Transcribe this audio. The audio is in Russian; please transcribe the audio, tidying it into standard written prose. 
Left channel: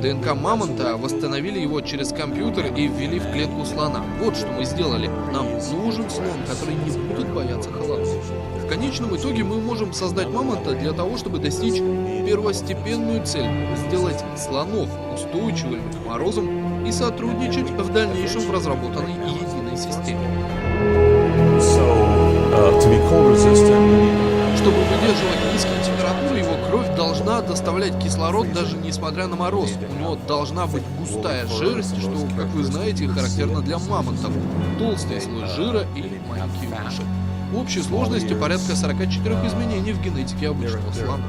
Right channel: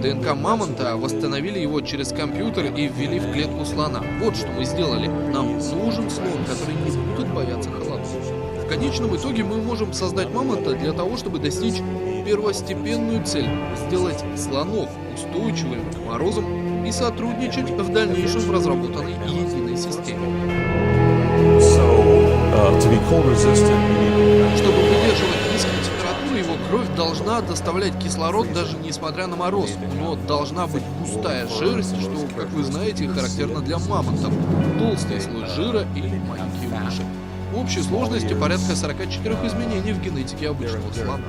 ДНК мамонта, восстановили его через компьютер и ввели в клетку слона. Вот что мы сделали. Нам нужен слон, который не будет бояться холодов. В конечном итоге мы можем создать мамонта для того, чтобы достичь первостепенную цель – сделать слонов устойчивыми к морозам и сотрудничать в дальнейшем в разработанной единой системе. Чтобы выдерживать низкие температуры, его кровь должна доставлять кислород даже несмотря на мороз. У него должна быть густая шерсть, что, как вы знаете, характерно для мамонтов. Толстый слой жира и маленькие уши. В общей сложности порядка 44 изменений в генетике обычного слона.